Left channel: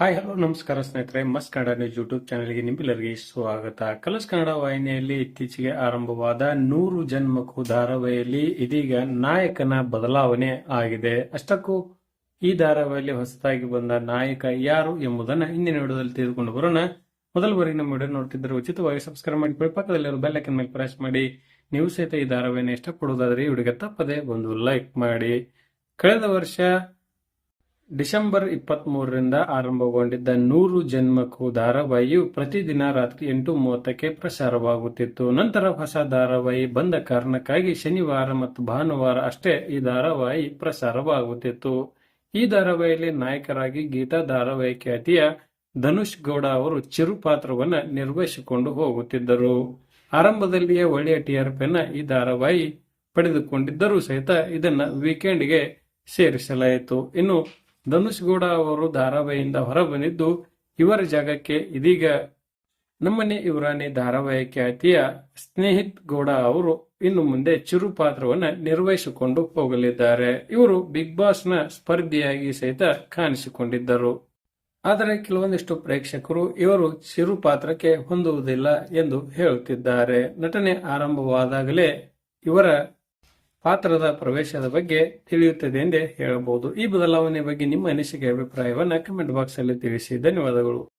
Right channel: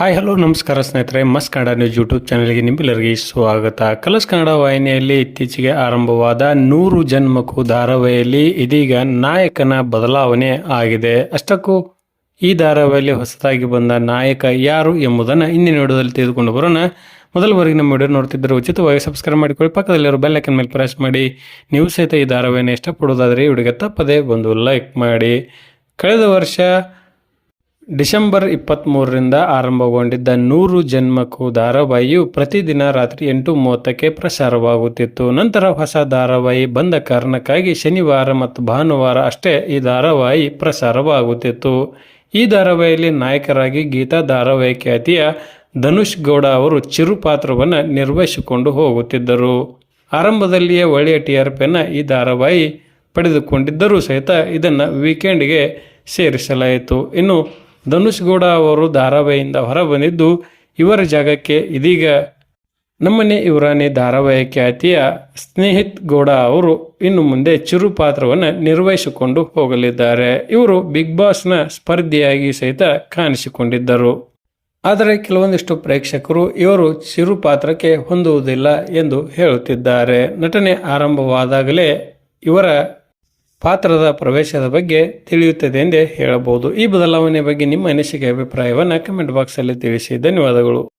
Hi hello ನಮಸ್ಕಾರ ಸ್ನೇಹಿತರೆ, ಮಸ್ತ್ ಕನ್ನಡ ನ್ಯೂಸ್ ಯೂಟ್ಯೂಬ್ ಚಾನಲ್ಗೆ ನಿಮ್ಮೆಲ್ಲರಿಗೆ ಸ್ವಾಗತ. ಕಲರ್ಸ್ ಕನ್ನಡ ವಾಹಿನಿಯಲ್ಲಿ ಇತ್ತೀಚೆಗೆ ಆರಂಭವಾದ 100 ಜನ್ಮಕ್ಕೂ ಧಾರಾವಾಹಿಯಲ್ಲಿ ಇದೀಗ ನಾಯಕನ ಬದಲಾವಣೆ ಆಗಿದೆ. ಅಷ್ಟಕ್ಕೂ ಈ ಧಾರಾವಾಹಿಯಲ್ಲಿ ಹೊಸದಾಗಿ ಬಂದ ನಾಯಕ ಯಾರು ಎಂಬುದನ್ನು ಇಂದಿನ ವಿಡಿಯೋದಲ್ಲಿ ತೆಗೆದುಕೊಂಡು ಬರೋಣ. ಮೊದಲವರೆಗೆ ನಮ್ಮ ವಿಡಿಯೋ ನೋಡ್ತಿದ್ದರೆ ಉಚಿತವಾಗಿ ಸಬ್ಸ್ಕ್ರೈಬ್ ಮಾಡಿಕೊಳ್ಳಿ, ಪಕ್ಕದಲ್ಲಿರೋ ಬೆಲ್ ಐಕನ್ ಮೇಲೆ ಪ್ರೆಸ್ ಮಾಡಿ. ನೀವು ಸಹಿತ ಈ ಧಾರಾವಾಹಿಯನ್ನು ಇಷ್ಟಪಡೋದಾದರೆ ಈ ವಿಡಿಯೋಗೆ ತಪ್ಪದೇ ಒಂದು ಲೈಕ್ ಮಾಡಿ. ಕಳೆದ ವರ್ಷ ಡಿಸೆಂಬರ್ 23ರಿಂದ ಆರಂಭಗೊಂಡಿದ್ದ 100 ಜನ್ಮಕ್ಕೂ ಧಾರಾವಾಹಿಯು ಪ್ರತಿದಿನ ರಾತ್ರಿ 8:30ಕ್ಕೆ ಪ್ರಸಾರವಾಗುತ್ತಿತ್ತು. ನಂತರ ಹೊಸ ಧಾರಾವಾಹಿ ಬಂದ ಕಾರಣಕ್ಕಾಗಿ ಶನಿವಾರ ಮತ್ತು ಭಾನುವಾರ ಅಷ್ಟೇ ಈ ಧಾರಾವಾಹಿ ಪ್ರಸಾರವಾಗುತ್ತಿತ್ತು. ಈ ಧಾರಾವಾಹಿಯಲ್ಲಿ ನಾಯಕರಾಗಿ ಗೀತಾ ಧಾರಾವಾಹಿ ಖ್ಯಾತಿಯ ಧನುಷ್ ಗೌಡ ಅವರು ಚಿರು ಪಾತ್ರವನ್ನು ನಿರ್ವಹಿಸಿಕೊಂಡು ಹೋಗುತ್ತಿದ್ದರು. ಆರಂಭದಲ್ಲಿಯೇ ಒಳ್ಳೆಯ TRPಯನ್ನು ಈ ಧಾರಾವಾಹಿ ಪಡೆದುಕೊಂಡಿದ್ದರೂ ಸಹಿತ ಇದನ್ನು ವೀಕೆಂಡ್ಗೆ ಸೇರಿಸಲಾಯಿತು. ಇನ್ನು ಧನುಷ್ ಗೌಡ ಅವರು ಧಾರಾವಾಹಿಯಿಂದ ಹೊರಬಂದಿದ್ದು ಇವರ ಜಾಗಕ್ಕೆ ಇದೀಗ ನಮ್ಮನೆ ಇವರಾನೆ ಧಾರಾವಾಹಿ ಖ್ಯಾತಿಯ ಸ್ನೇಹಿತ್ ಗೌಡ ಅವರು ಇನ್ನು ಮುಂದೆ ಚಿರು ಪಾತ್ರವನ್ನು ನಿರ್ವಹಿಸಿಕೊಂಡು ಹೋಗಲಿದ್ದಾರೆ. ಇವರು ಬಿಗ್ ಬಾಸ್ನ ಸ್ಪರ್ಧಿಯಾಗಿ ಸಹಿತ ಕಾಣಿಸಿಕೊಂಡಿದ್ದರು. ಆದರೆ ಕೆಲವೊಂದಿಷ್ಟು ಪ್ರೇಕ್ಷಕರು ಇವರು ಚಿರು ಪಾತ್ರಕ್ಕೆ ಹೊಂದುವುದಿಲ್ಲ ಎಂದು ಹೇಳುತ್ತಿದ್ದಾರೆ. ನಟನೆ ಆರಂಭವಾದಾಗಲೇ ಇವರ ಪಾತ್ರದ ಪ್ರವೇಶದ ಬಗ್ಗೆ ತಿಳಿಯುತ್ತದೆ ಎಂದೇ ಹೇಳಬಹುದು. ಈ ಬದಲಾವಣೆ ಬಗ್ಗೆ ನಿಮ್ಮ ಅನಿಸಿಕೆ ಅಭಿಪ್ರಾಯವನ್ನು ಕಮೆಂಟ್ ಬಾಕ್ಸಲ್ಲಿ ತಿಳಿಸಿ. ಧನ್ಯವಾದಗಳು.